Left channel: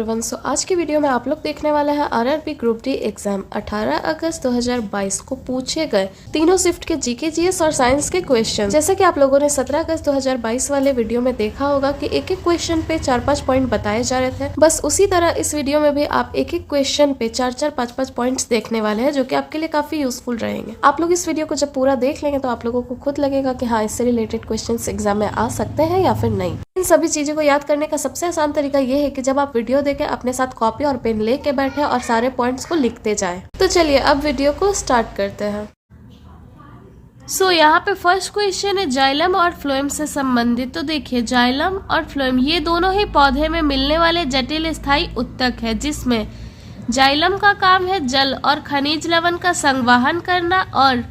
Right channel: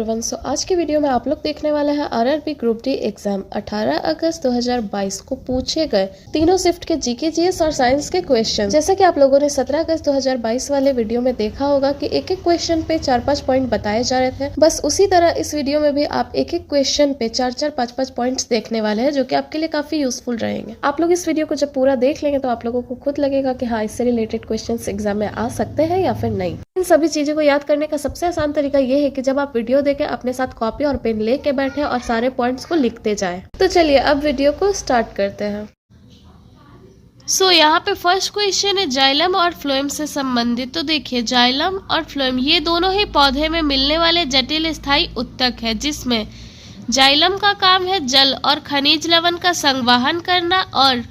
Everyone. आज की video में आप लोग देखने वाले हैं आरआरबी ग्रुप डी एग्जाम 18 अगस्त 2022 को पूछे गए तीनों शिफ्ट के जीके, जीएस और साइंस के क्वेश्चन। जैसे कि आप लोगों ने 17 अगस्त 2022 वाले वीडियो में देखा होगा कि एक एक क्वेश्चन पे 4-5 पॉइंट बताए जा रहे थे। बस उसी तरह इस वीडियो में भी आप एक एक क्वेश्चन पे 4-4, 5-5 पॉइंट्स देखने वाले हैं, जो कि आपके लिए काफी यूजफुल रहेंगे। आप लोग इस वीडियो को जब पूरा देख लेंगे तो आप लोगों को खुद लगेगा कि हाँ, इससे रिलेटेड क्वेश्चन एग्जाम में आ सकते हैं या फिर नहीं। इन सभी चीजों को याद करने का सबसे आसान तरीका ये है कि जब आप वीडियो देखें अपने साथ कॉपी और पेन लेके बैठे और सारे पॉइंट्स को लिखते जाएं। तो चलिए अब वीडियो को स्टार्ट करते हैं। यहाँ पे फर्स्ट क्वेश्चन है जाइलम और फ्लोएम से संबंधित। तो देखिए, जाइलम और फ्लोएम ये दोनों ही पौधे में मिलने वाले जटिल स्थायी उत्तक है, जिसमें जाइलम का काम है जल और खनिज लवण का संवहन करना और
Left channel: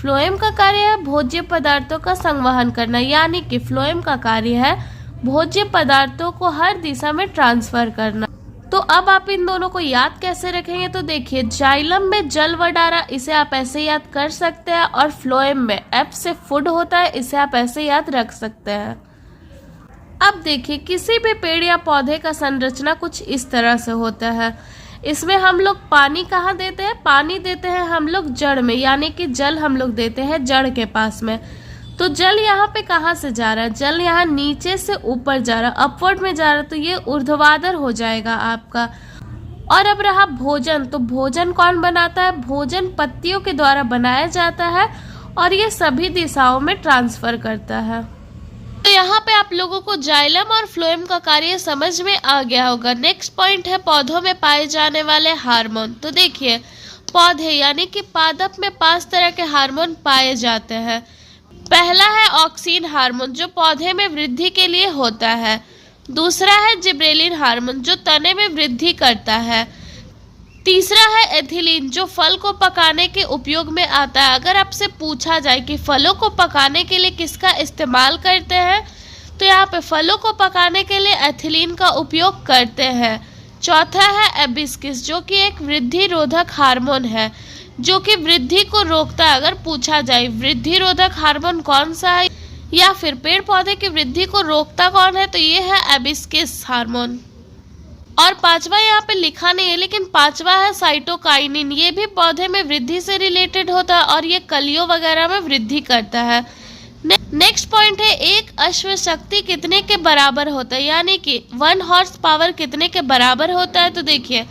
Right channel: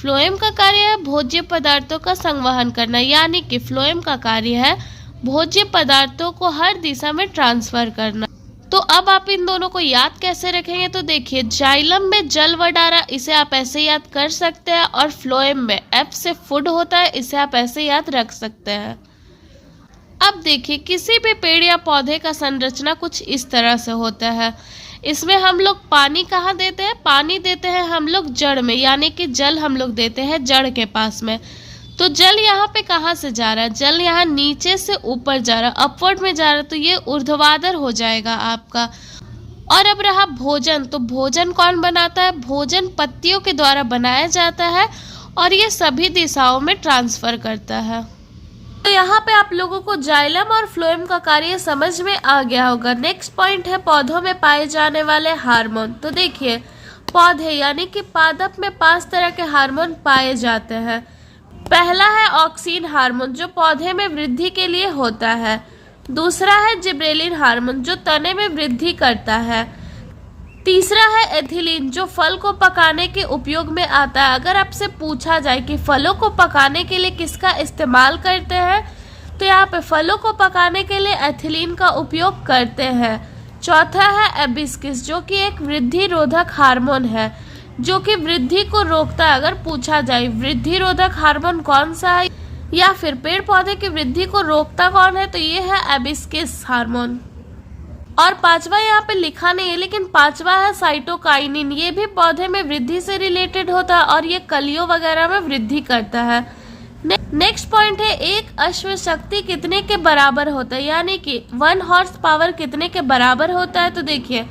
फ्लोएम का कार्य है भोज्य पदार्थों का संवहन करना। यानी कि फ्लोएम का कार्य है भोज्य पदार्थों को हर दिशा में ट्रांसफर करना। तो अब आप इन दोनों को याद कैसे रखेंगे? तो देखिए, जाइलम में जल वडारा, इसे आप ऐसे याद कर सकते हैं, और फ्लोएम में एफ से फूड होता है, इसे आप ऐसे याद रख सकते हैं। अब देखिए, किसी भी पेड़ या पौधे का संरचना कुछ इस तरह से होता है। इसमें हम लोग पानी कहाँ देते हैं? पानी देते हैं हम लोग जड़ में, यानी कि जल हम लोग देते हैं जड़ के पास में। तो जल यहाँ पे कहाँ से जा रहा है? जल यहाँ नीचे से ऊपर जा रहा है, अपवर्ड में जा रहा है, तो ये ऊर्ध्वाधर हो जाएगा आपका। और अब रहा भोजन, तो भोजन कौन बनाता है? भोजन पत्तियों के द्वारा बनाया जाता है और ये सभी दिशाओं में ट्रांसफर करता है। तो यहाँ पे आप लोगों को जाइलम और फ्लोएम का कार्य समझ में आ गया होगा। नेक्स्ट पॉइंट है पौधों में पाए जाने वाले हार्मोन। तो देखिए, पौधे यानी कि पादप में 5 तरह के हार्मोन पाए जाते हैं। पहला है ऑक्सीन हार्मोन, जो पौधे में वृद्धि के लिए होता है। दूसरा है जिब्रेलिन हार्मोन, जो तने में वृद्धि करता है। तीसरा है एथिलीन, जो फल को पकाने के उपयोग में आता है। अगर आपसे पूछा जाए कि फलों को पकाने के लिए किसका इस्तेमाल करते हैं, तो यहाँ पे फलों को पकाने के लिए एथिलीन का उपयोग करते हैं। चौथा है एबिस्किस, जो कि एक वृद्धि रोधक हार्मोन है, जो कि वृद्धि को रोकता है। अगर पूछा जाए वृद्धि रोधक हार्मोन कौन सा है या फिर पेड़ पौधे की वृद्धि को रोकता कौन है, तो ये है एबिस्किस हार्मोन। और पांचवा यहाँ पे लिखा नहीं है, लेकिन पांचवा है साइटोकाइनिन। ये भी पौधे में वृद्धि से रिलेटेड होता है और ये कलियों वगैरह में वृद्धि करता है। नेक्स्ट पॉइंट है एक अश्व शक्ति कितने के बराबर होता है, यानी कि 1 हॉर्स पावर कितने के बराबर होता है? तो देखिए,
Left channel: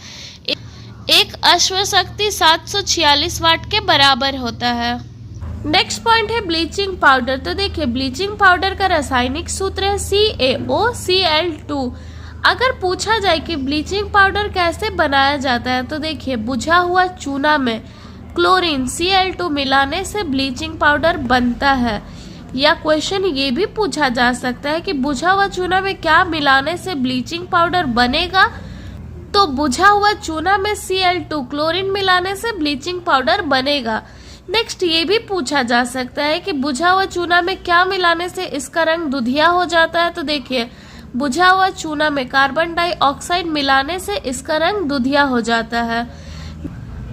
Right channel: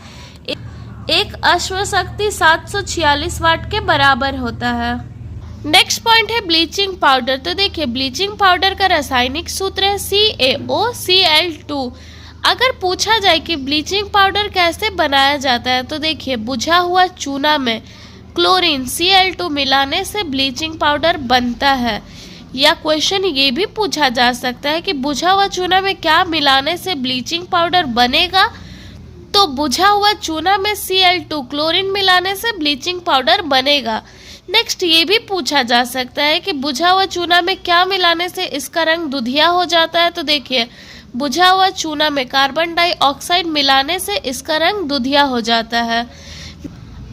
एक अश्व शक्ति 746 वाट के बराबर होता है। नेक्स्ट पॉइंट है ब्लीचिंग पाउडर। तो देखिए, ब्लीचिंग पाउडर का रासायनिक सूत्र है CaOCl2। अगर पूछा जाए कि ब्लीचिंग पाउडर कैसे बनाया जाता है, तो देखिए, बुझा हुआ चूना में क्लोरीन Cl2 मिलाने से ब्लीचिंग पाउडर बनता है। या क्वेश्चन ये भी पूछा जा सकता है कि बुझा हुआ चूना में क्या मिलाने से ब्लीचिंग पाउडर बनेगा? तो बुझा हुआ चूना में Cl2 क्लोरीन मिलाने से ब्लीचिंग पाउडर बनेगा। नेक्स्ट ये भी पूछा जा सकता है कि बुझा हुआ चूना में क्या मिलाने से इसका रंग दुधिया हो जाता है? तो देखिए, बुझा हुआ चूना में कार्बन डाइऑक्साइड मिलाने से इसका रंग दुधिया हो जाता है।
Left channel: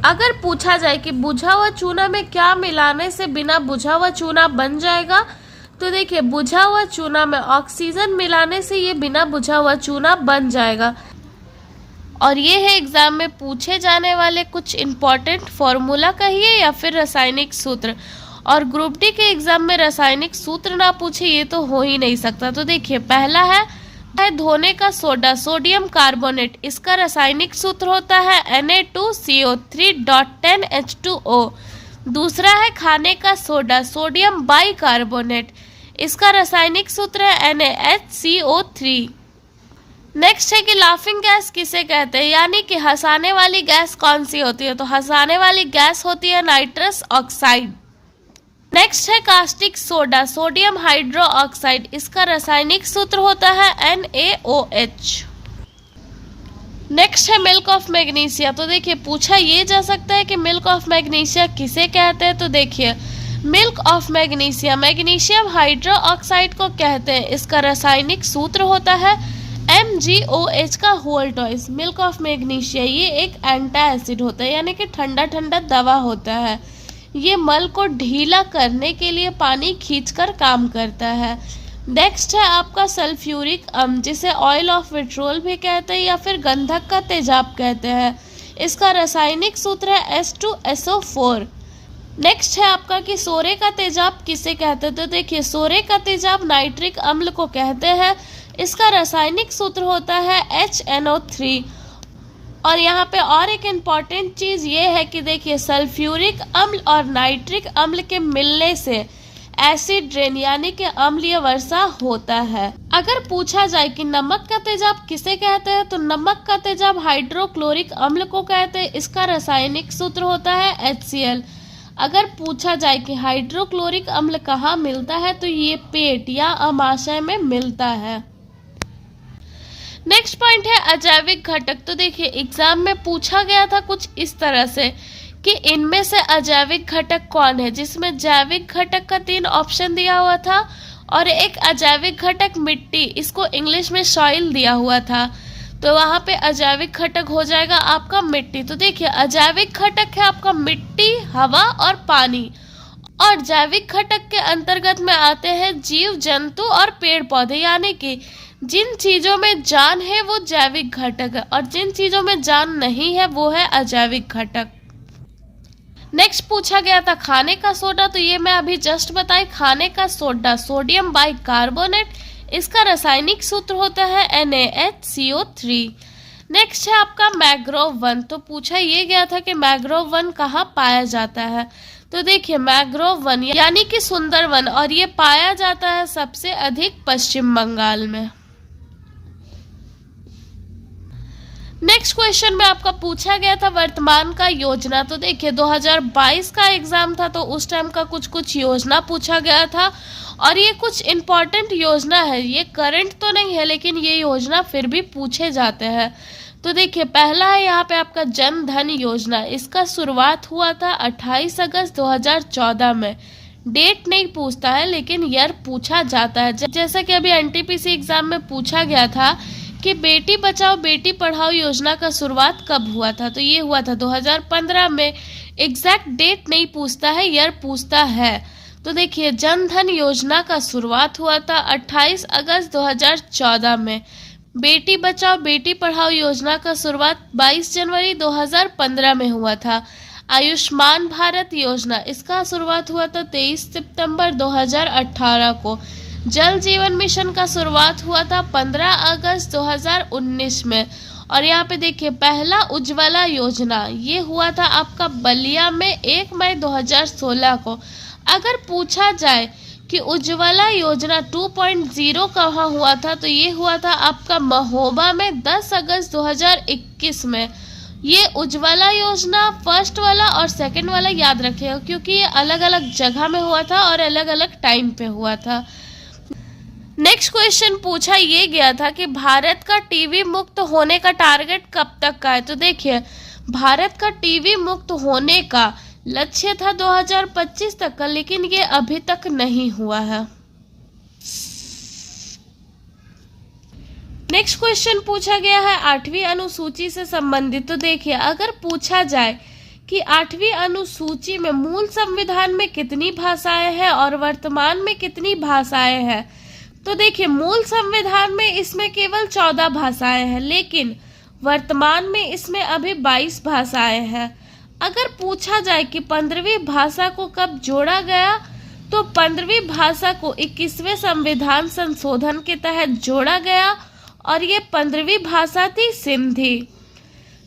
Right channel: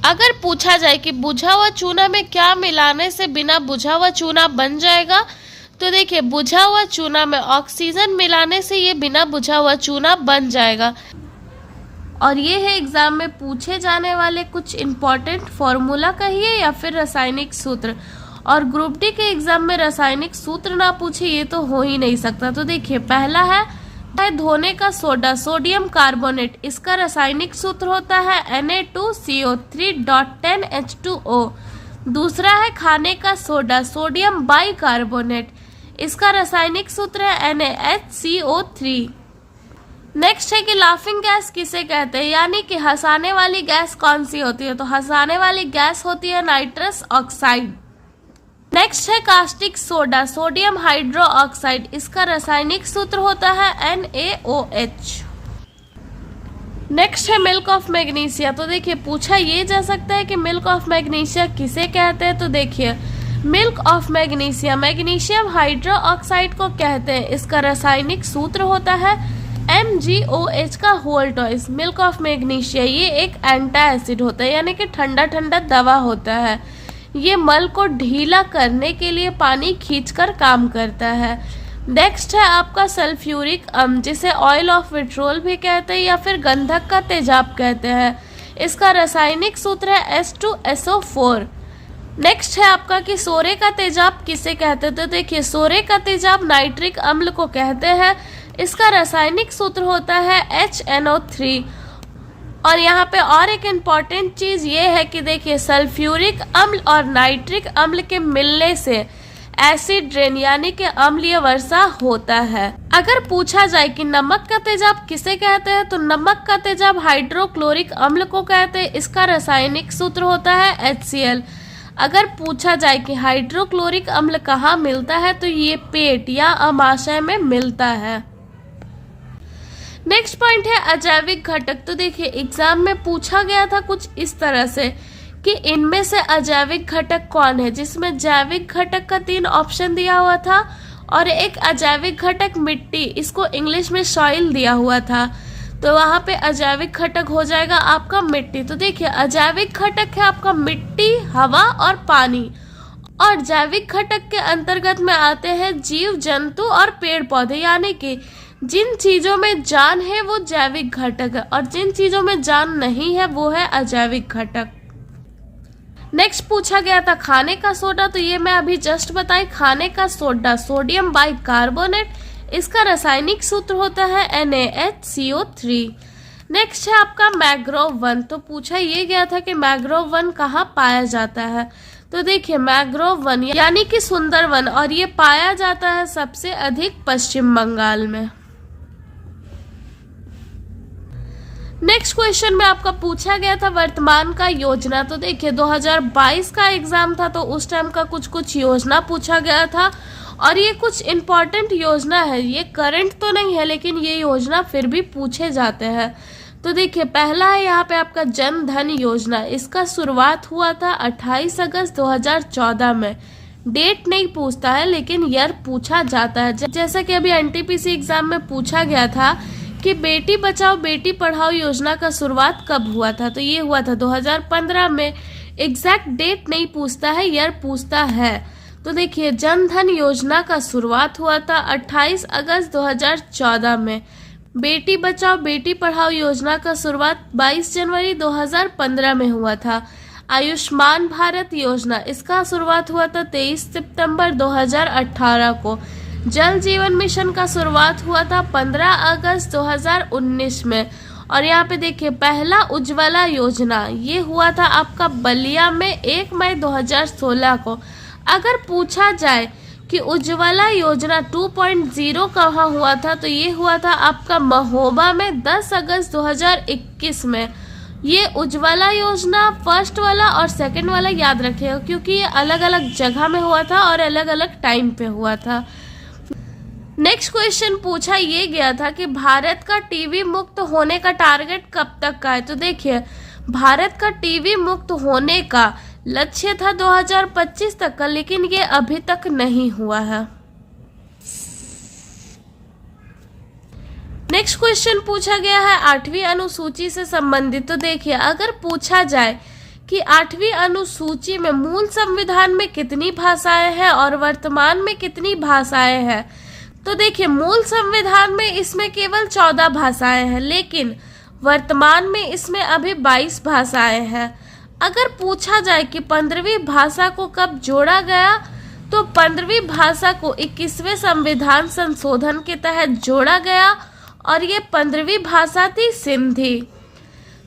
अगर पूछा जाए कि बुझा हुआ चूना में क्या मिलाने से बिना बुझा हुआ चूना बन जाएगा, तो देखिए, बुझा हुआ चूना में ऑक्सीजन मिलाने से ये बिना बुझा हुआ चूना बन जाएगा। और ये है एग्जाम में पूछे जाने वाले कुछ इम्पोर्टेंट फॉर्मूला कहिए या फिर रासायनिक सूत्र। और ग्रुप डी के एग्जाम में रासायनिक सूत्र ना पूछे ये तो हो ही नहीं सकता। तो देखिए, पहला है धोने का सोडा, सोडियम कार्बोनेट, इसका रासायनिक सूत्र होता है Na2CO3.10H2O। दूसरा है खाने का सोडा, सोडियम बाइकार्बोनेट, इसका रासायनिक सूत्र है NaHCO3। नेक्स्ट है कि लाफिंग गैस किसे कहते हैं, यानी कि हंसाने वाली गैस कौन सी होती है? तो हंसाने वाली गैस होती है नाइट्रस ऑक्साइड। नेक्स्ट है caustic soda, sodium hydro oxide, इसका रासायनिक सूत्र होता है NaOH। नेक्स्ट है मिल्क ऑफ मैग्नीशिया। तो देखिए, पूछा ये जा सकता है कि मिल्क ऑफ मैग्नीशिया किसे कहते हैं? तो देखिए, milk of magnesia magnesium hydro oxide को कहते हैं। इसका रासायनिक सूत्र होता है MgOH का होल टॉइस। मिल्क ऑफ मैग्नीशिया ये एक एंटा एसिड होता है, यानी कि ठंडा ठंडा दवा होता है। ये मल को ढीला करने के लिए पानी खींचकर काम करता है। नेक्स्ट है आपका सल्फ्यूरिक अम्ल, जिसे ऑयल ऑफ विट्रोल भी कहते हैं या फिर गंधक का तेजाब कहते हैं। इसका रासायनिक सूत्र है H2SO4। नेक्स्ट है आपका कि सोरे का तेजाब किसे कहते हैं। तो देखिए, सोरे का तेजाब नाइट्रिक अम्ल को कहते हैं। इसका रासायनिक सूत्र होता है HNO3। और यहाँ पे और एक इम्पॉर्टेंट चीज ये है कि देखिए, सल्फ्यूरिक अम्ल और नाइट्रिक अम्ल के मिलने से एसिड रेन यानी कि अम्लीय वर्षा होता है। अगर पूछा जाए कि नमक का तेजाब किसे कहते हैं, तो नमक का तेजाब हाइड्रोक्लोरिक अम्ल को कहते हैं। इसका रासायनिक सूत्र होता है HCl। अगर पूछा जाए कि हाइड्रोक्लोरिक अम्ल कहाँ मिलता है, तो ये पेट या अमाशय में मिलता है। नेक्स्ट पॉइंट है अजैविक घटक। तो देखिए, एग्जाम में पूछा गया था कुछ इस तरह से कि इनमें से अजैविक घटक कौन है, जिसमें जैविक घटक का 3 ऑप्शन दिया हुआ था और एक अजैविक घटक मिट्टी, इसको इंग्लिश में सॉइल दिया हुआ था। तो वहां पे अजैविक घटक हो जाएगा आपका मिट्टी। तो देखिए, अजैविक घटक है आपका मिट्टी, हवा और पानी। और जैविक घटक के अंतर्गत में आते हैं जीव जंतु और पेड़ पौधे, यानी कि जिन चीजों में जान है वो जैविक घटक है और जिन चीजों में जान नहीं है वो है अजैविक घटक। नेक्स्ट पूछा गया था खाने का सोडा। तो ये मैं अभी जस्ट बताई, खाने का सोडा सोडियम बाइकार्बोनेट, इसका रासायनिक सूत्र होता है NaHCO3। नेक्स्ट है आपका मैंग्रोव वन। तो पूछा ये गया था कि मैंग्रोव वन कहाँ पाया जाता है। तो देखिए, मैंग्रोव वन यानी कि सुंदर वन, और ये पाया जाता है सबसे अधिक पश्चिम बंगाल में। नेक्स्ट क्वेश्चन में आपका पूछा गया था वर्तमान का योजना। तो देखिए, 2022 का एग्जाम था, तो उस टाइम का कुछ योजना पूछा गया था और ये कुछ इम्पोर्टेंट योजना है। ये करंट तो नहीं है, लेकिन ये योजना फिर भी पूछे जाते हैं। तो देखिए, पहला है यहाँ पे आपका जन धन योजना। इसका शुरुआत हुआ था 28 अगस्त 2014 में। डेट नहीं पूछता है, लेकिन ईयर पूछा जाता है। जैसा कि अभी NTPC एग्जाम में पूछा गया था कि बेटी बचाओ बेटी पढ़ाओ योजना का शुरुआत कब हुआ था। तो ये हुआ था 2015 में। एग्जैक्ट डेट नहीं पूछता है, ईयर पूछता है। तो देखिए, जन धन योजना का शुरुआत हुआ था 28 अगस्त 2014 में। बेटी बचाओ बेटी पढ़ाओ योजना का शुरुआत 22 जनवरी 2015 में हुआ था। आयुष्मान भारत योजना, इसका शुरुआत हुआ था 23 सितंबर 2018 को। जल जीवन मिशन का शुरुआत हुआ था 15 अगस्त 2019 में। और यहाँ पे देखिए, पहला उज्ज्वला योजना ये हुआ था आपका बलिया में 1 मई 2016 को। अगर पूछा जाए कि उज्ज्वला योजना 2.0 कहाँ हुआ था, तो ये हुआ था आपका महोबा में 10 अगस्त 2021 में। ये उज्ज्वला योजना फर्स्ट वाला और सेकंड वाला याद रखिएगा, क्योंकि ये अलग अलग जगह में हुआ था और अलग अलग टाइम पे हुआ था। नेक्स्ट क्वेश्चन पूछा ये गया था कि भारत का टीबी मुक्त होने का टारगेट कब तक का है। तो देखिए, भारत का टीबी मुक्त होने का लक्ष्य था 2025 तक का, लेकिन ये अभी तक नहीं हुआ है। नेक्स्ट क्वेश्चन पूछा गया है 8वीं अनुसूची से संबंधित। तो देखिए, अगर पूछा जाए कि 8वीं अनुसूची में मूल संविधान में कितनी भाषाएं हैं और वर्तमान में कितनी भाषाएं हैं, तो देखिए, मूल संविधान में इसमें केवल 14 भाषाएं हैं, लेकिन वर्तमान में इसमें अभी 22 भाषाएं हैं। अगर पूछा जाए कि 15वीं भाषा को कब जोड़ा गया, तो 15वीं भाषा को 21वें संविधान संशोधन के तहत जोड़ा गया और ये 15वीं भाषा थी सिंधी।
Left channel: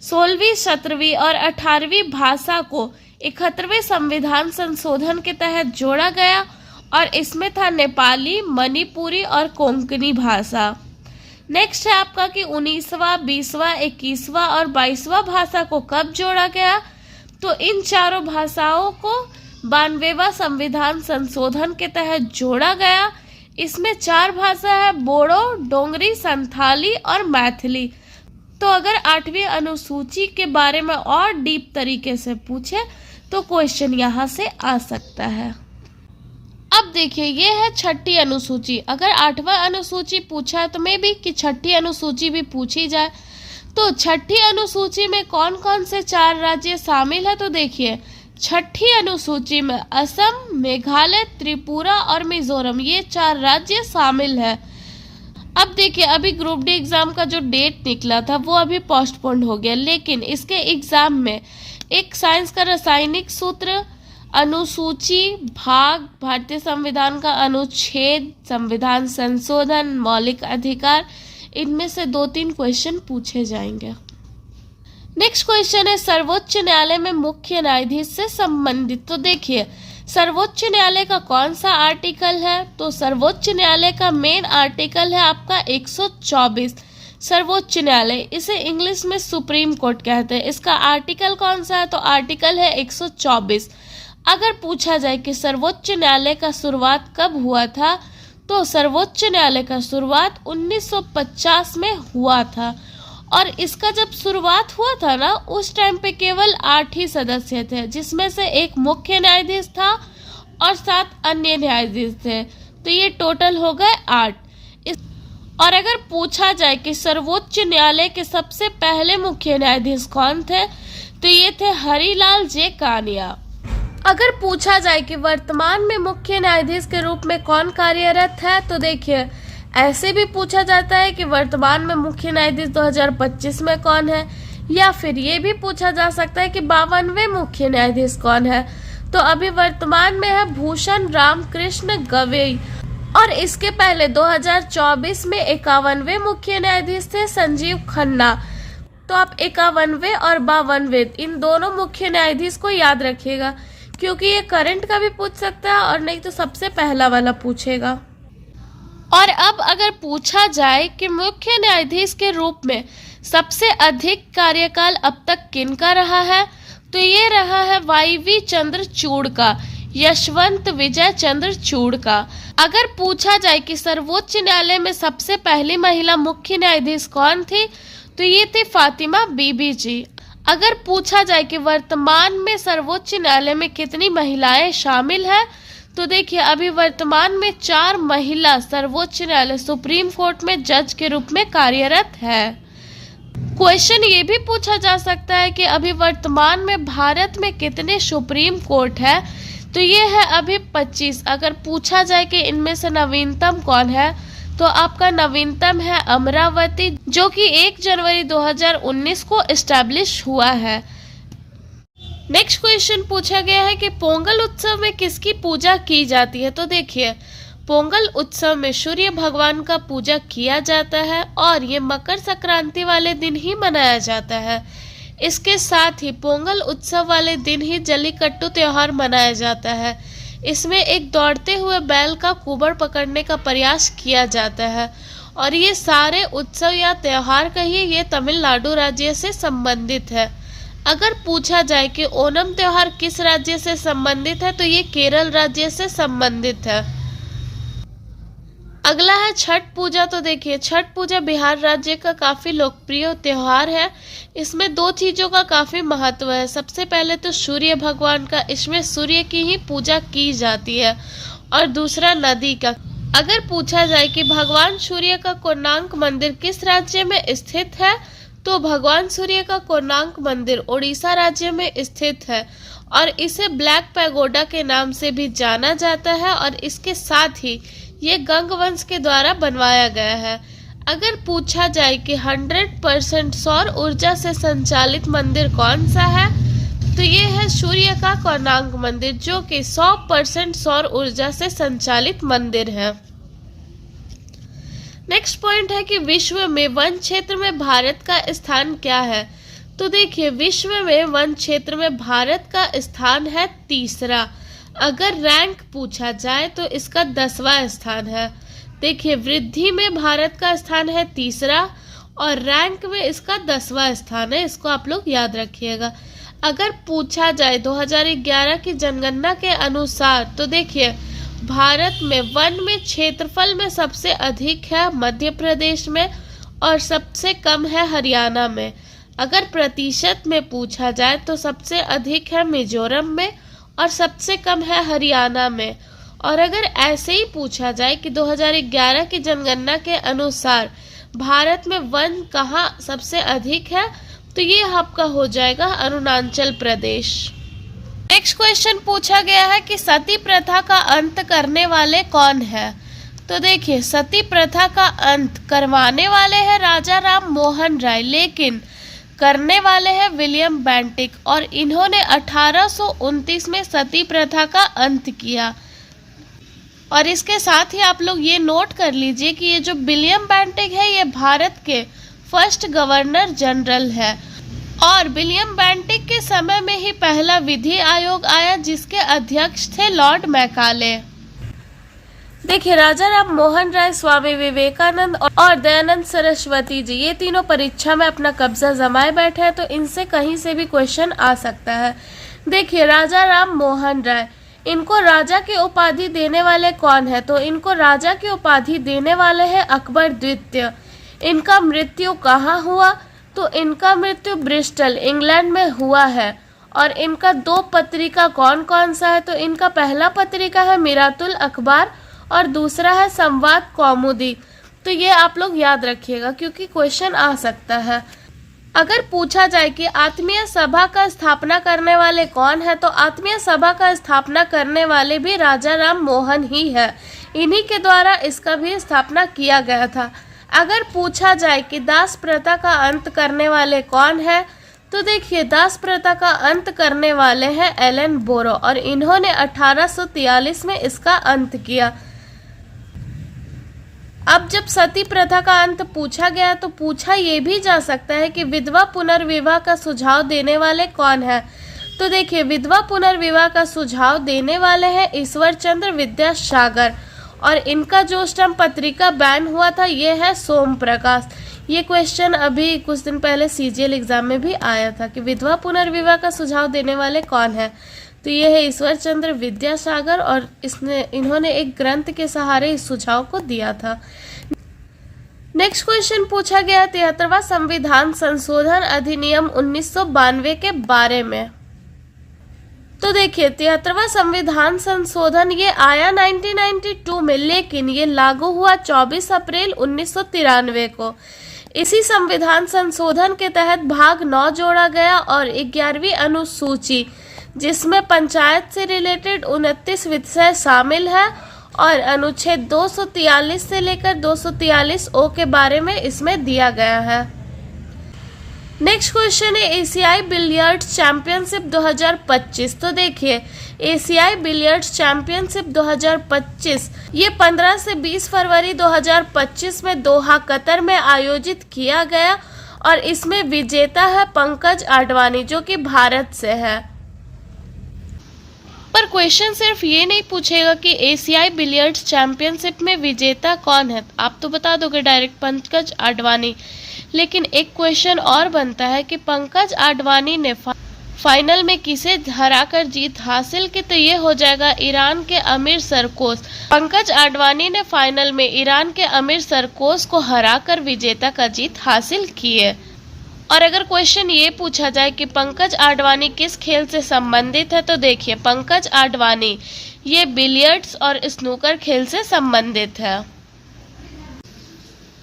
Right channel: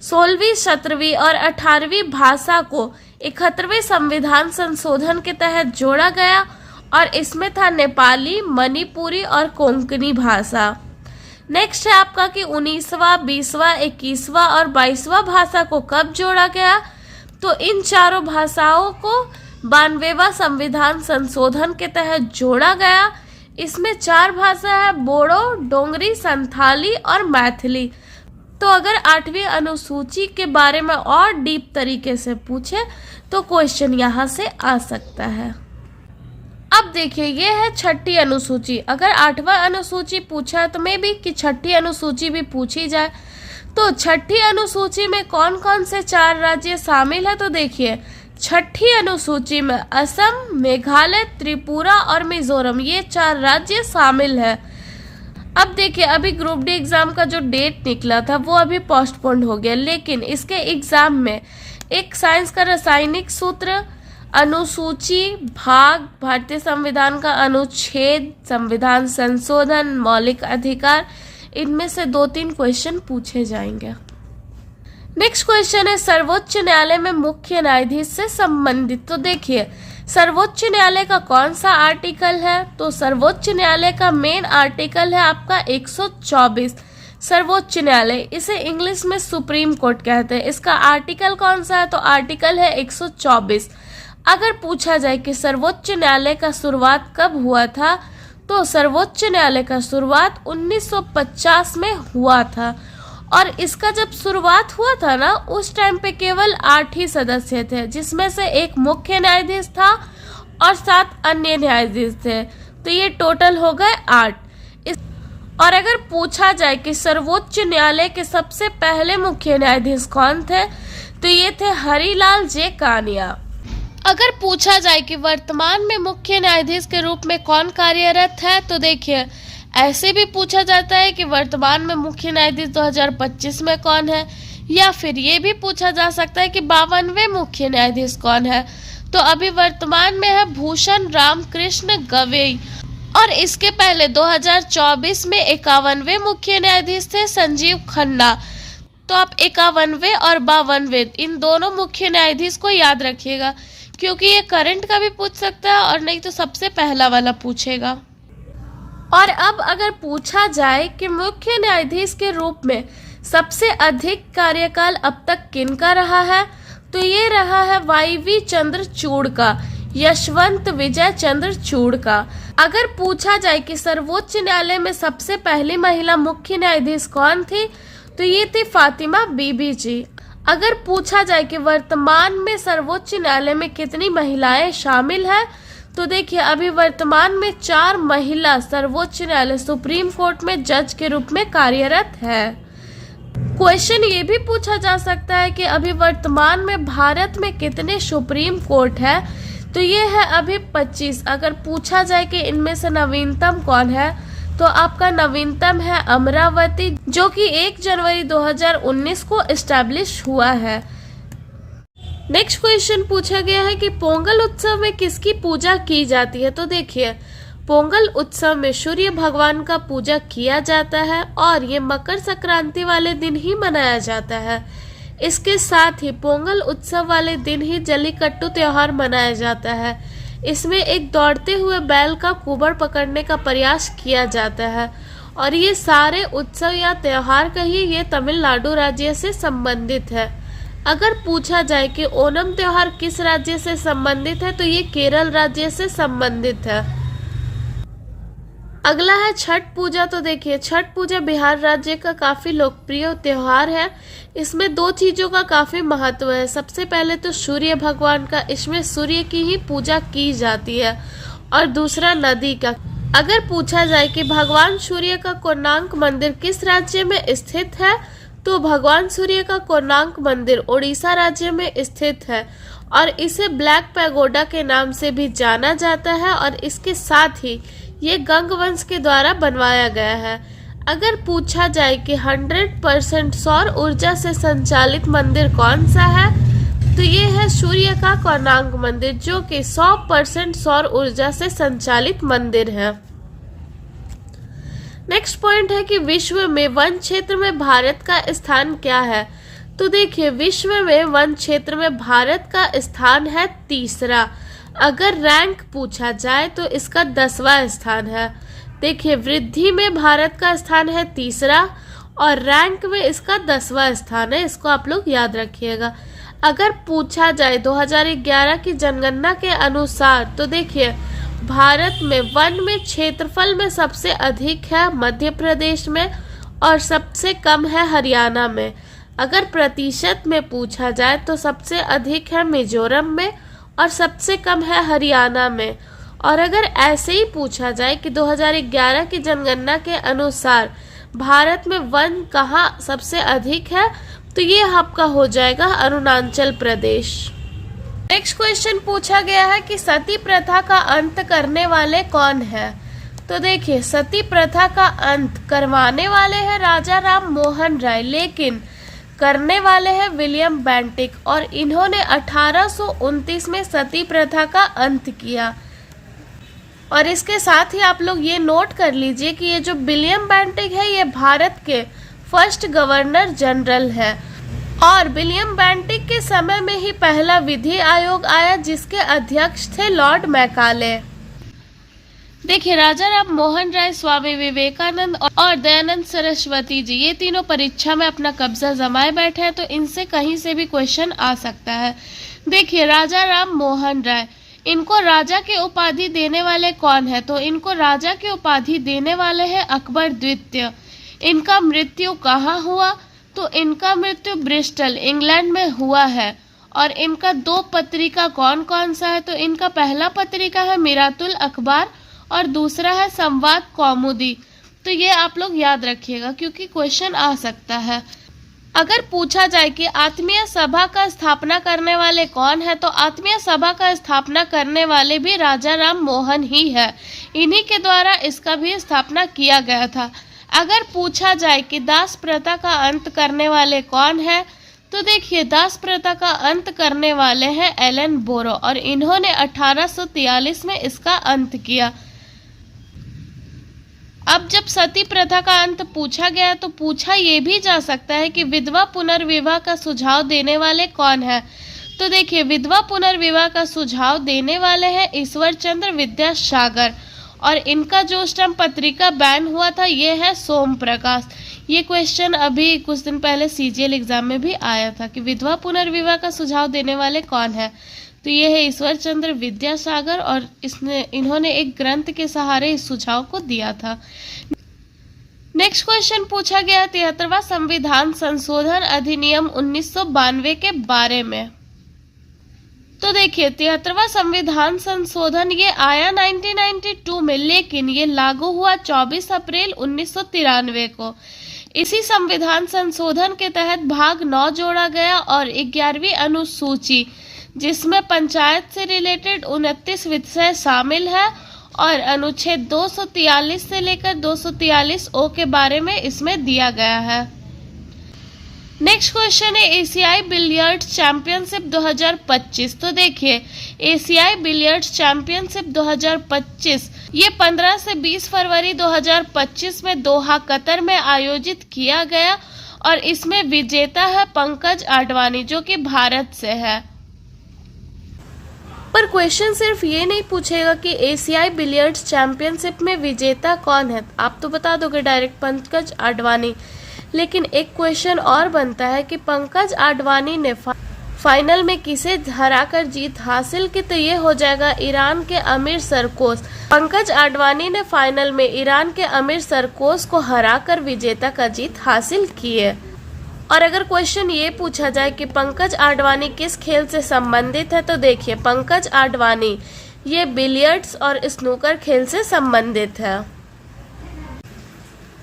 16वीं, 17वीं और 18वीं भाषा को 71वें संविधान संशोधन के तहत जोड़ा गया और इसमें था नेपाली, मणिपुरी और कोंकणी भाषा। नेक्स्ट है आपका कि 19वां, 20वां, 21वां और 22वां भाषा को कब जोड़ा गया, तो इन चारों भाषाओं को 92वां संविधान संशोधन के तहत जोड़ा गया। इसमें 4 भाषा है, बोडो, डोंगरी, संथाली और मैथिली। तो अगर 8वीं अनुसूची के बारे में और डीप तरीके से पूछे तो क्वेश्चन यहाँ से आ सकता है। अब देखिए, ये है 6ठी अनुसूची। अगर 8वां अनुसूची पूछा तो मे भी कि 6ठी अनुसूची भी पूछी जाए। तो 6ठी अनुसूची में कौन कौन से 4 राज्य शामिल है, तो देखिए, छठी अनुसूची में असम, मेघालय, त्रिपुरा और मिजोरम ये 4 राज्य शामिल है। अब देखिए, अभी ग्रुप डी एग्जाम का जो डेट निकला था वो अभी पोस्टपोन्ड हो गया, लेकिन इसके एग्जाम में एक साइंस का रासायनिक सूत्र, अनुसूची, भाग, भारतीय संविधान का अनुच्छेद, संविधान संशोधन, मौलिक अधिकार, इनमें से 2-3 क्वेश्चन पूछे जाएंगे। नेक्स्ट क्वेश्चन है सर्वोच्च न्यायालय में मुख्य न्यायाधीश से संबंधित। तो देखिए, सर्वोच्च न्यायालय का कौन सा आर्टिकल है? तो सर्वोच्च न्यायालय का मेन आर्टिकल है आपका 124। सर्वोच्च न्यायालय, इसे इंग्लिश में सुप्रीम कोर्ट कहते हैं। इसका आर्टिकल कौन सा है? तो आर्टिकल है 124। अगर पूछा जाए कि सर्वोच्च न्यायालय का शुरुआत कब हुआ था, तो सर्वोच्च न्यायालय का शुरुआत 1950 में हुआ था। और इसका जब शुरुआत हुआ था ना, उस टाइम पे केवल 8 ही सदस्य थे, जिसमें से एक मुख्य न्यायाधीश था और 7 अन्य न्यायाधीश थे। तो ये टोटल हो गए 8। और अगर पूछा जाए कि सर्वोच्च न्यायालय के सबसे पहले मुख्य न्यायाधीश कौन थे, तो ये थे हरिलाल जे कानिया। अगर पूछा जाए कि वर्तमान में मुख्य न्यायाधीश के रूप में कौन कार्यरत है, तो देखिए, ऐसे भी पूछा जाता है कि वर्तमान में मुख्य न्यायाधीश 2025 में कौन है, या फिर ये भी पूछा जा सकता है कि 52वें मुख्य न्यायाधीश कौन है। तो अभी वर्तमान में है भूषण राम कृष्ण गवई, और इसके पहले 2024 में 51वें मुख्य न्यायाधीश थे संजीव खन्ना। तो आप 51वें और 52वें इन दोनों मुख्य न्यायाधीश को याद रखिएगा, क्योंकि ये करंट का भी पूछ सकता है और नहीं तो सबसे पहला वाला पूछेगा। और अब अगर पूछा जाए कि मुख्य न्यायाधीश के रूप में सबसे अधिक कार्यकाल अब तक किनका रहा है, तो ये रहा है वाईवी चंद्रचूड़ का, यशवंत विजय चंद्रचूड़ का। अगर पूछा जाए कि सर्वोच्च न्यायालय में सबसे पहली महिला मुख्य न्यायाधीश कौन थी, तो ये थी फातिमा बीबी जी। अगर पूछा जाए कि वर्तमान में सर्वोच्च न्यायालय में कितनी महिलाएं शामिल हैं, तो देखिए, अभी वर्तमान में 4 महिला सर्वोच्च न्यायालय सुप्रीम कोर्ट में जज के रूप में कार्यरत है। क्वेश्चन ये भी पूछा जा सकता है कि अभी वर्तमान में भारत में कितने सुप्रीम कोर्ट है, तो ये है अभी 25। अगर पूछा जाए कि इनमें से नवीनतम कौन है, तो आपका नवीनतम है अमरावती, जो कि 1 जनवरी 2019 को एस्टैब्लिश हुआ है। नेक्स्ट क्वेश्चन पूछा गया है कि पोंगल उत्सव में किसकी पूजा की जाती है। तो देखिए, पोंगल उत्सव में सूर्य भगवान का पूजा किया जाता है और ये मकर संक्रांति वाले दिन ही मनाया जाता है। इसके साथ ही पोंगल उत्सव वाले दिन ही जल्लीकट्टू त्योहार मनाया जाता है। इसमें एक दौड़ते हुए बैल का कुबड़ पकड़ने का प्रयास किया जाता है, और ये सारे उत्सव या त्योहार कहिए, ये तमिलनाडु राज्य से संबंधित है। अगर पूछा जाए कि ओणम त्योहार किस राज्य से संबंधित है, तो ये केरल राज्य से संबंधित है। अगला है छठ पूजा। तो देखिए, छठ पूजा बिहार राज्य का काफी लोकप्रिय त्योहार है। इसमें 2 चीजों का काफी महत्व है। सबसे पहले तो सूर्य भगवान का, इसमें सूर्य की ही पूजा की जाती है, और दूसरा नदी का। अगर पूछा जाए कि भगवान सूर्य का कोणार्क मंदिर किस राज्य में स्थित है, तो भगवान सूर्य का कोणार्क मंदिर ओडिशा राज्य में स्थित है, और इसे ब्लैक पैगोडा के नाम से भी जाना जाता है, और इसके साथ ही ये गंग वंश के द्वारा बनवाया गया है। अगर पूछा जाए कि 100% सौर ऊर्जा से संचालित मंदिर कौन सा है, तो ये है सूर्य का कोणार्क मंदिर, जो कि 100% सौर ऊर्जा से संचालित मंदिर है। नेक्स्ट पॉइंट है कि विश्व में वन क्षेत्र में भारत का स्थान क्या है। तो देखिए, विश्व में वन क्षेत्र में भारत का स्थान है 3रा। अगर रैंक पूछा जाए तो इसका 10वां स्थान है। देखिए, वृद्धि में भारत का स्थान है 3रा और रैंक में इसका 10वां स्थान है। इसको आप लोग याद रखिएगा। अगर पूछा जाए 2011 की जनगणना के अनुसार, तो देखिए, भारत में वन में क्षेत्रफल में सबसे अधिक है मध्य प्रदेश में और सबसे कम है हरियाणा में। अगर प्रतिशत में पूछा जाए तो सबसे अधिक है मिजोरम में और सबसे कम है हरियाणा में। और अगर ऐसे ही पूछा जाए कि 2011 की जनगणना के अनुसार भारत में वन कहाँ सबसे अधिक है, तो ये आपका हो जाएगा अरुणाचल प्रदेश। नेक्स्ट क्वेश्चन पूछा गया है कि सती प्रथा का अंत करने वाले कौन है। तो देखिए, सती प्रथा का अंत करवाने वाले हैं राजा राम मोहन राय, लेकिन करने वाले हैं विलियम बेंटिक, और इन्होंने 1829 में सती प्रथा का अंत किया। और इसके साथ ही आप लोग ये नोट कर लीजिए कि ये जो विलियम बेंटिक है ये भारत के फर्स्ट गवर्नर जनरल है, और विलियम बेंटिक के समय में ही पहला विधि आयोग आया जिसके अध्यक्ष थे लॉर्ड मैकाले। देखिए, राजा राम मोहन राय, स्वामी विवेकानंद और दयानंद सरस्वती जी, ये तीनों परीक्षा में अपना कब्जा जमाए बैठे हैं, तो इनसे कहीं से भी क्वेश्चन आ सकता है। देखिए, राजा राम मोहन राय, इनको राजा की उपाधि देने वाले कौन है। तो इनको राजा की उपाधि देने वाले हैं अकबर द्वितीय। इनका मृत्यु कहाँ हुआ। तो इनका मृत्यु ब्रिस्टल इंग्लैंड में हुआ है। और इनका 2 पत्रिका कौन कौन सा है। तो इनका पहला पत्रिका है मिरातुल अखबार और दूसरा है संवाद कौमुदी। तो ये आप लोग याद रखिएगा क्योंकि क्वेश्चन आ सकता है। अगर पूछा जाए कि आत्मीय सभा का स्थापना करने वाले कौन है, तो आत्मीय सभा का स्थापना करने वाले भी राजा राम मोहन ही है। इन्हीं के द्वारा इसका भी स्थापना किया गया था। अगर पूछा जाए कि दास प्रथा का अंत करने वाले कौन है, तो देखिए, दास प्रथा का अंत करने वाले हैं एलन बोरो, और इन्होंने 1843 में इसका अंत किया। अब जब सती प्रथा का अंत पूछा गया तो पूछा ये भी जा सकता है कि विधवा पुनर्विवाह का सुझाव देने वाले कौन है। तो देखिए, विधवा पुनर्विवाह का सुझाव देने वाले हैं ईश्वर चंद्र विद्यासागर, और इनका जो उस टाइम पत्रिका बैन हुआ था ये है सोम प्रकाश। ये क्वेश्चन अभी कुछ दिन पहले सीजीएल एग्जाम में भी आया था कि विधवा पुनर्विवाह का सुझाव देने वाले कौन है। तो ये है ईश्वर चंद्र विद्यासागर, और इन्होंने एक ग्रंथ के सहारे इस सुझाव को दिया था। नेक्स्ट क्वेश्चन पूछा गया 73वां संविधान संशोधन अधिनियम 1992 के बारे में। तो देखिए, 73वां संविधान संशोधन ये आया 1992 में, लेकिन ये लागू हुआ 24 अप्रैल 1993 को। इसी संविधान संशोधन के तहत भाग 9 जोड़ा गया और 11वीं अनुसूची, जिसमें पंचायत से रिलेटेड 29 विषय शामिल है, और अनुच्छेद 243 से लेकर 243 ओ के बारे में इसमें दिया गया है। नेक्स्ट क्वेश्चन है एशियाई बिलियर्ड्स चैंपियनशिप 2025। तो देखिए, एशियाई बिलियर्ड्स चैंपियनशिप 2025 ये 15 से 20 फरवरी 2025 में दोहा कतर में आयोजित किया गया, और इसमें विजेता है पंकज आडवाणी जो कि भारत से है। पर क्वेश्चन सिर्फ ये नहीं पूछेगा कि एशियाई बिलियर्ड्स चैंपियनशिप में विजेता कौन है, आप तो बता दोगे डायरेक्ट पंकज आडवाणी। लेकिन एक क्वेश्चन और बनता है कि पंकज आडवाणी ने फाइनल में किसे हराकर जीत हासिल की। तो ये हो जाएगा ईरान के अमीर सरकोस। पंकज आडवाणी ने फाइनल में ईरान के अमीर सरकोस को हराकर विजेता का जीत हासिल की है। और अगर क्वेश्चन ये पूछा जाए कि पंकज आडवाणी किस खेल से संबंधित है, तो देखिए, पंकज आडवाणी ये बिलियर्ड्स और स्नूकर खेल से संबंधित है।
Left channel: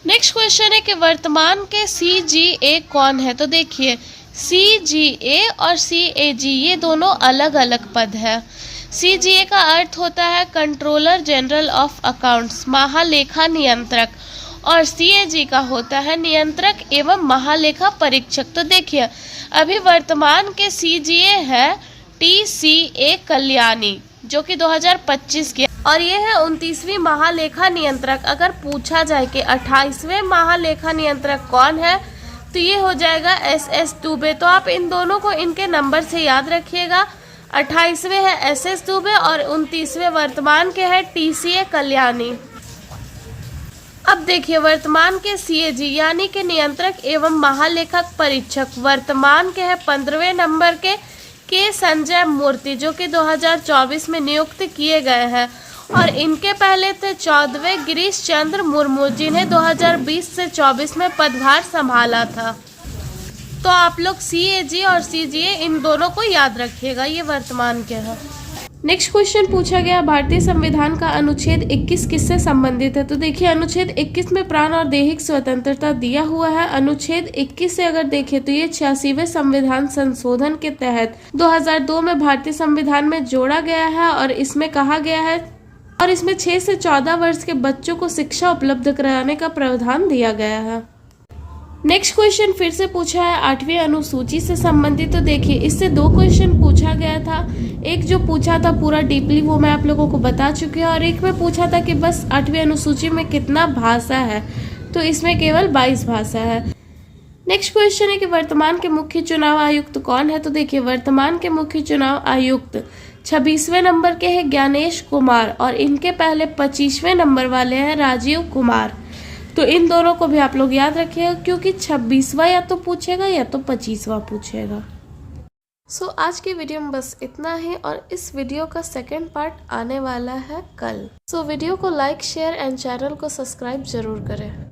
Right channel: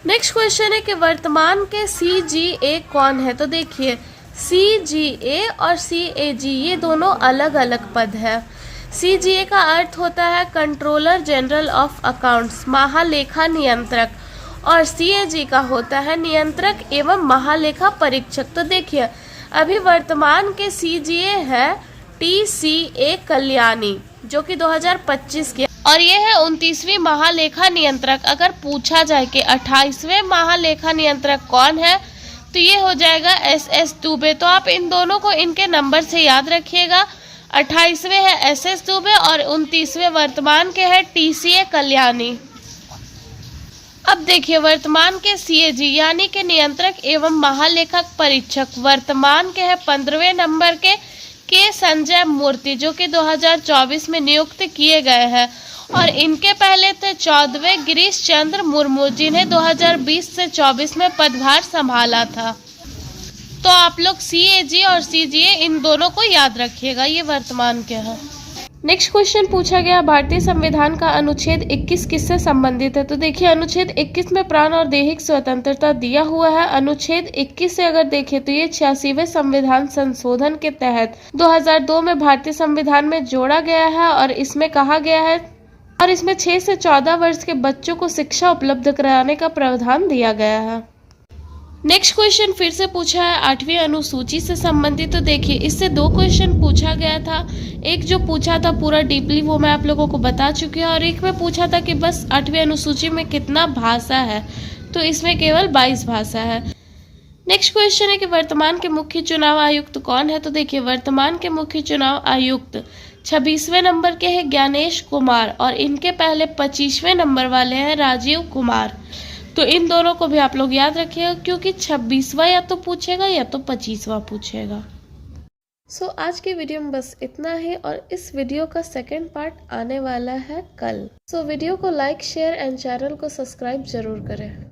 नेक्स्ट क्वेश्चन है कि वर्तमान के CGA कौन है। तो देखिए, CGA और CAG ये दोनों अलग अलग पद है। CGA का अर्थ होता है कंट्रोलर जनरल ऑफ अकाउंट्स, महालेखा नियंत्रक, और CAG का होता है नियंत्रक एवं महालेखा परीक्षक। तो देखिए, अभी वर्तमान के CGA है TCA कल्याणी जो कि 2025 के, और ये है 29वीं महालेखा नियंत्रक। अगर पूछा जाए कि 28वें महालेखा नियंत्रक कौन है, तो ये हो जाएगा SS दुबे। तो आप इन दोनों को इनके नंबर से याद रखिएगा। 28वें है SS दुबे और 29वें वर्तमान के है TCA कल्याणी। अब देखिए, वर्तमान के CAG यानी कि नियंत्रक एवं महालेखक परीक्षक वर्तमान के है 15वें नंबर के संजय मूर्ति जो कि 2024 में नियुक्त किए गए हैं, और इनके पहले थे 14वें गिरीश चंद्र मुर्मू जिन्हें 2020 से 24 में पदभार संभाला था। तो आप लोग CAG और CGA इन दोनों को याद रखिएगा, ये वर्तमान के हैं। नेक्स्ट क्वेश्चन पूछा गया, भारतीय संविधान का अनुच्छेद 21 किससे संबंधित है? तो देखिए अनुच्छेद 21 में प्राण और दैहिक स्वतंत्रता दिया हुआ है। अनुच्छेद 21 से अगर देखें तो ये 86वें संविधान संशोधन के तहत 2002 में भारतीय संविधान में जोड़ा गया है और इसमें कहा गया है और इसमें 6 से 14 वर्ष के बच्चों को शिक्षा उपलब्ध कराने का प्रावधान दिया गया है। नेक्स्ट क्वेश्चन फिर से पूछा है 8वीं अनुसूची से संबंधित। तो देखिए इससे 2 क्वेश्चन पूछा गया था। एक जो पूछा था पूरा डीपली वो मैं आप लोगों को बता चुकी हूँ और एक में पूछा था कि बस 8वीं अनुसूची में कितना भाषा है, तो इसमें केवल 22 भाषा है। नेक्स्ट क्वेश्चन है कि वर्तमान के मुख्य चुनाव आयुक्त कौन है? तो देखिए वर्तमान के मुख्य चुनाव आयुक्त 26वें नंबर के हैं ज्ञानेश कुमार और इनके पहले 25वें नंबर वाले हैं राजीव कुमार। तो इन दोनों को भी आप लोग याद रखिएगा क्योंकि 26वां या तो पूछेगा या तो 25वां पूछेगा। सो आज की वीडियो में बस इतना ही और इस वीडियो का सेकंड पार्ट आने वाला है कल। सो वीडियो को लाइक शेयर एंड चैनल को सब्सक्राइब जरूर करें।